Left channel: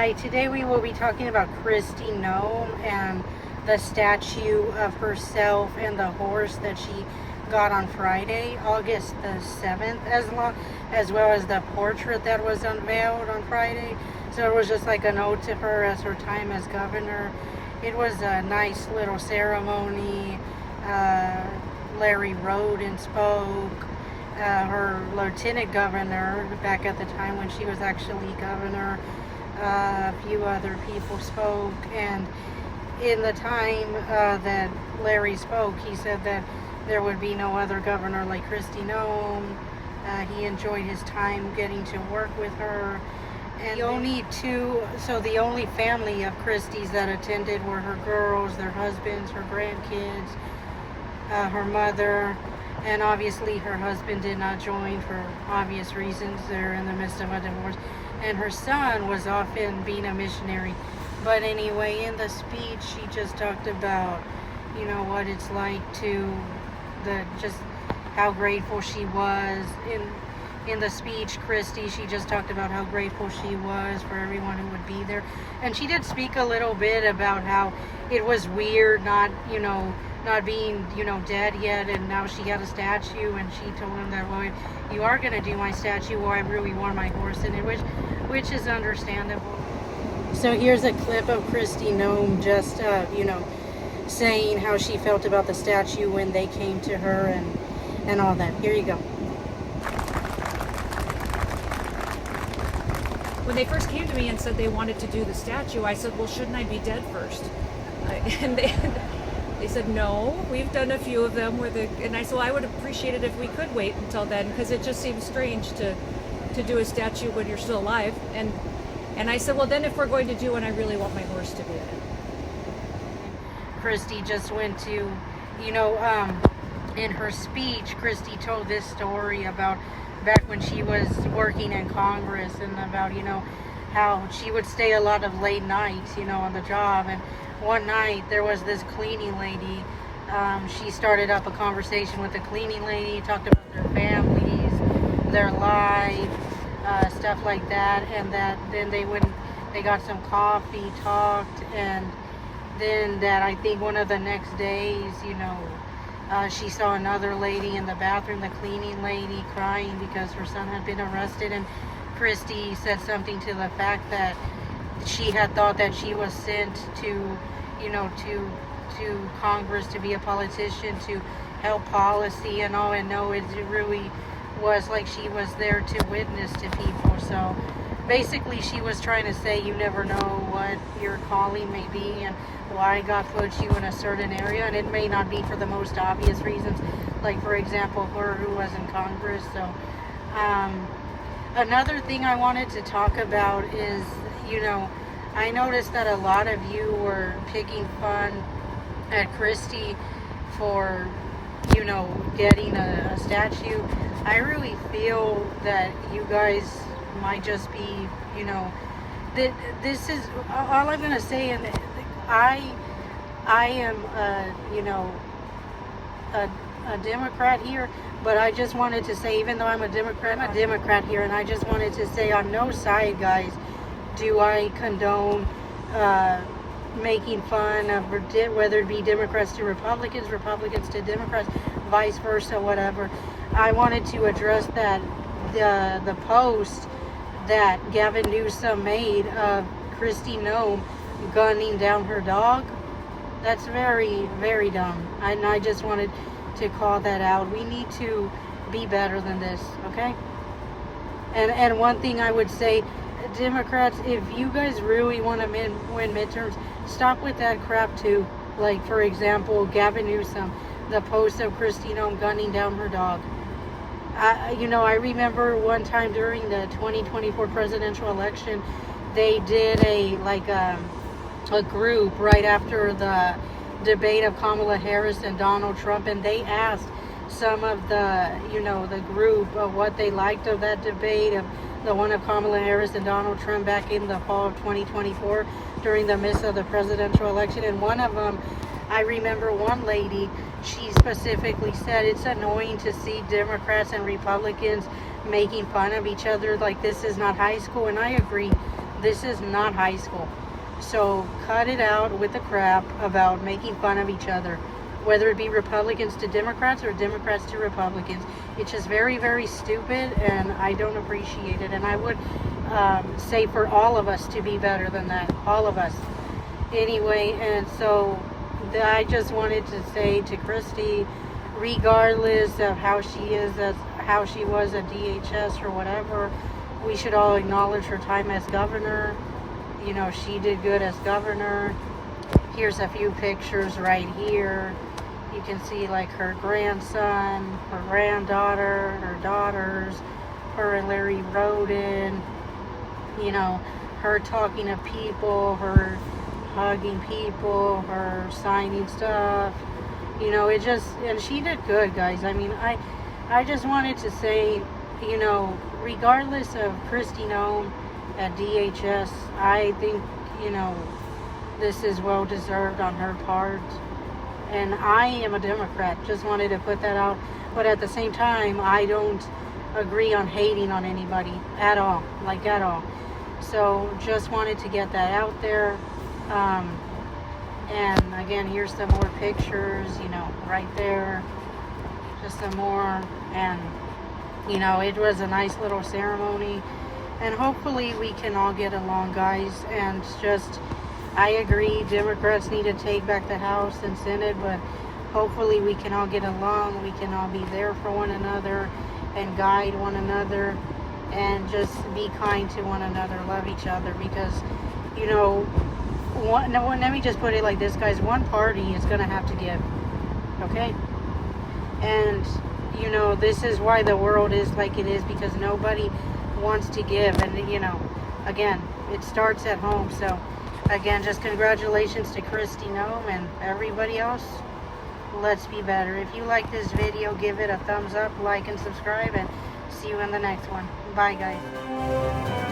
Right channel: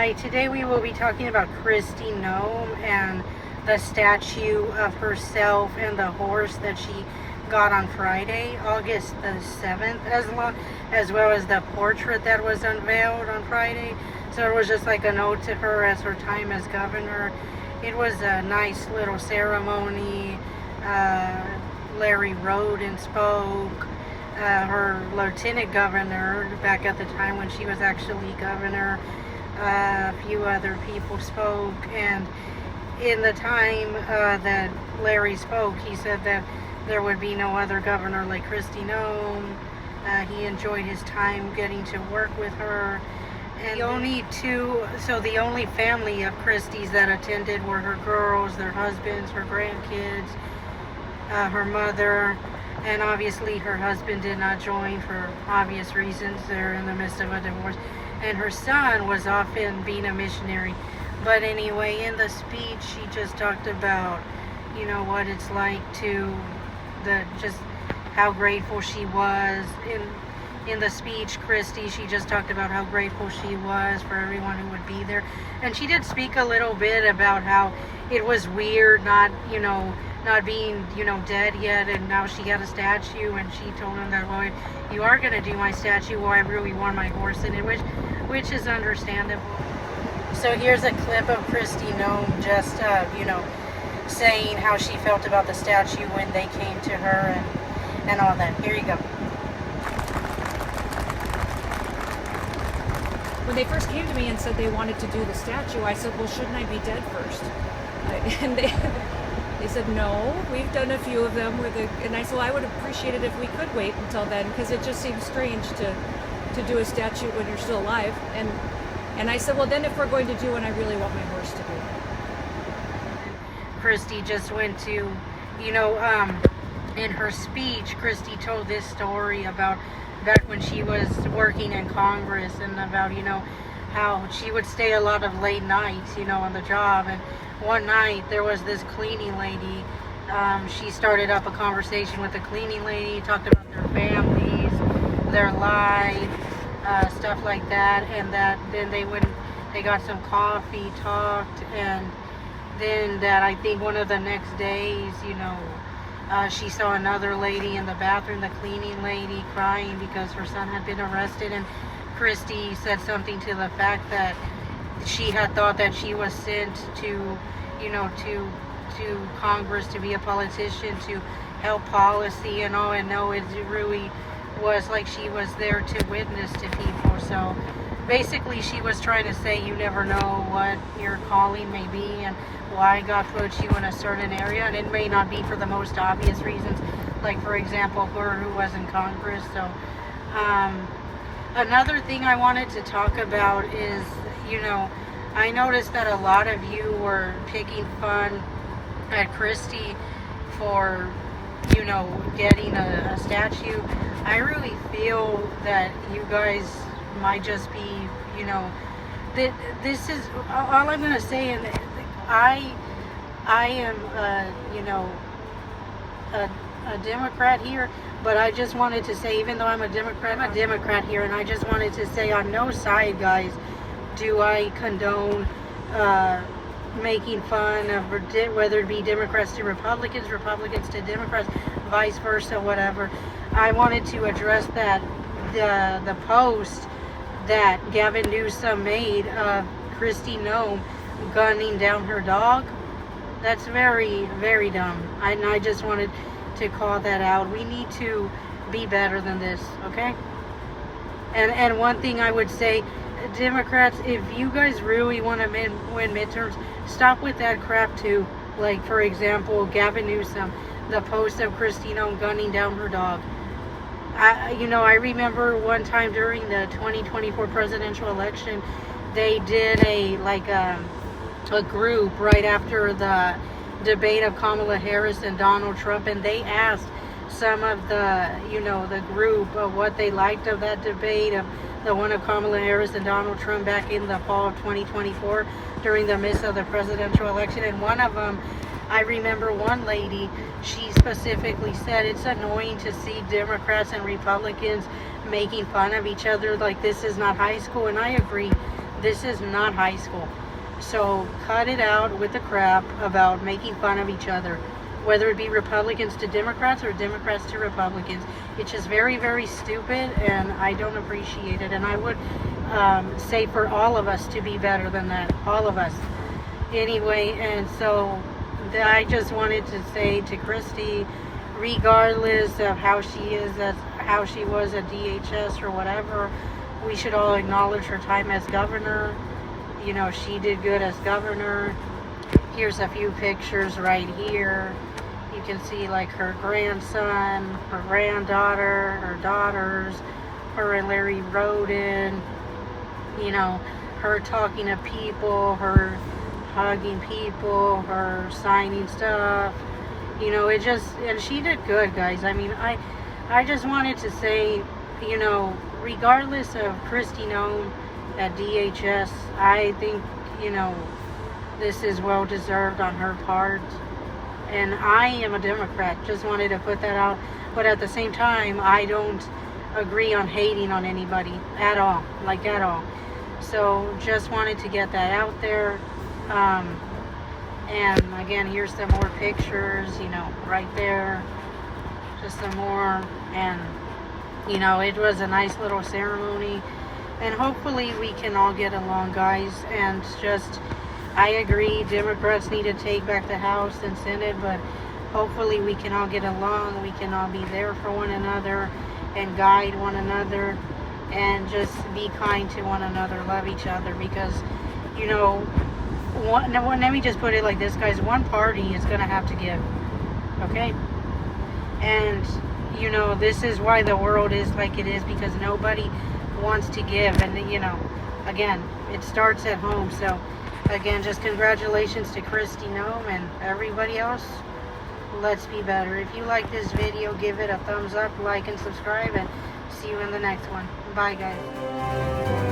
Hi, today we will be talking about Kristi Noem and the statue of herself and the horse that she got on Friday, August the 7th, as well as the portrait that was unveiled on Friday. So it was just like a note to her as her time as governor. It was a nice little ceremony. Larry rode and spoke. Her lieutenant governor, back at the time when she was actually governor, a few other people spoke, and in the time that Larry spoke, he said that there would be no other governor like Kristi Noem. He enjoyed his time getting to work with her. And the only family of Kristi's that attended were her girls, their husbands, her grandkids, her mother, and obviously her husband did not join for obvious reasons. They're in the midst of a divorce. And her son was off in being a missionary. But anyway, in the speech, she just talked about, what it's like just how grateful she was. In the speech, Kristi, she just talked about how grateful she was for everyone who would be there. And she did speak a little bit about how it was weird not being, dead yet, and now she had a statue, and she told him that, well, if you are going to do my statue, well, I really want my horse in it, which is understandable. So here's a clip of Kristi Noem just, saying how she felt about the statue when they came to her and all that. Here you go. When they first came to me and said they wanted to do the statue, I said, well, shouldn't I be dead first? And they said, no, we've done a few of them. And I said, well, I would appreciate it if we could wait until then, because it just seems strange to do a statue when you're still alive. And I said, well, then if we're going to do one, I really want my horse to be in it. Kristi just went to, in her speech, Kristi told this story about back when she was working in Congress, and about, how she would stay a lot of late nights, on the job. And one night there was this cleaning lady. She started up a conversation with the cleaning lady, talked about their families, their life, stuff like that. And then they got some coffee, talked, and then that I think one of the next days, she saw another lady in the bathroom, the cleaning lady, crying because her son had been arrested. And Kristi said something to the fact that she had thought that she was sent to Congress to be a politician, to help policy and all, and no, it really was like she was there to witness to people. So basically she was trying to say you never know what your calling may be and why God put you in a certain area, and it may not be for the most obvious reasons, like for example her who was in Congress. So another thing I wanted to talk about is, I noticed that a lot of you were picking fun at Kristi for, getting a statue. I really feel that you guys might just be, this is all I'm going to say. And I am, a Democrat here, but I just wanted to say, even though I'm a Democrat here, and I just wanted to say on no side, guys, do I condone making fun of whether it be Democrats to Republicans, Republicans to Democrats, vice versa, whatever. I wanted to address that the post that Gavin Newsom made of Kristi Noem gunning down her dog. That's very, very dumb. I just wanted to call that out. We need to be better than this, okay? And one thing I would say, Democrats, if you guys really want to win midterms, stop with that crap too. Like, for example, Gavin Newsom, the post of Kristi Noem gunning down her dog. I remember one time during the 2024 presidential election, they did a group right after the debate of Kamala Harris and Donald Trump, and they asked some of the group of what they liked of that debate, of the one of Kamala Harris and Donald Trump back in the fall of 2024 during the midst of the presidential election. And one of them, I remember one lady, she specifically said it's annoying to see Democrats and Republicans making fun of each other like this is not high school. And I agree. This is not high school. So cut it out with the crap about making fun of each other, whether it be Republicans to Democrats or Democrats to Republicans. It's just very, very stupid, and I don't appreciate it. And I would say for all of us to be better than that, all of us. Anyway, and so I just wanted to say to Kristi, regardless of how she is, as how she was at DHS or whatever, we should all acknowledge her time as governor. You know, she did good as governor. Here's a few pictures right here. You can see like her grandson, her granddaughter, her daughters, her and Larry Roden, you know, her talking to people, her hugging people, her signing stuff. You know, it just, and she did good, guys. I mean, I just wanted to say, you know, regardless of Kristi Noem at DHS, I think, you know, this is well deserved on her part. And I am a Democrat, just wanted to put that out. But at the same time, I don't agree on hating on anybody at all, like at all. So just wanted to get that out there. And again, here's some more pictures, you know, right there. Just some more. And, you know, it was a nice little ceremony. And hopefully we can all get along, guys. And just, I agree, Democrats need to take back the House and Senate, but hopefully we can all get along. We can all be there for one another and guide one another and just be kind to one another, love each other. Because, you know, let me just put it like this, guys. One party is going to have to give, okay? And, you know, this is why the world is like it is, because nobody wants to give. And, you know, again, it starts at home. So, again, just congratulations to Kristi Noem and everybody else. Let's be better. If you like this video, give it a thumbs up, like, and subscribe, and see you in the next one. Bye, guys.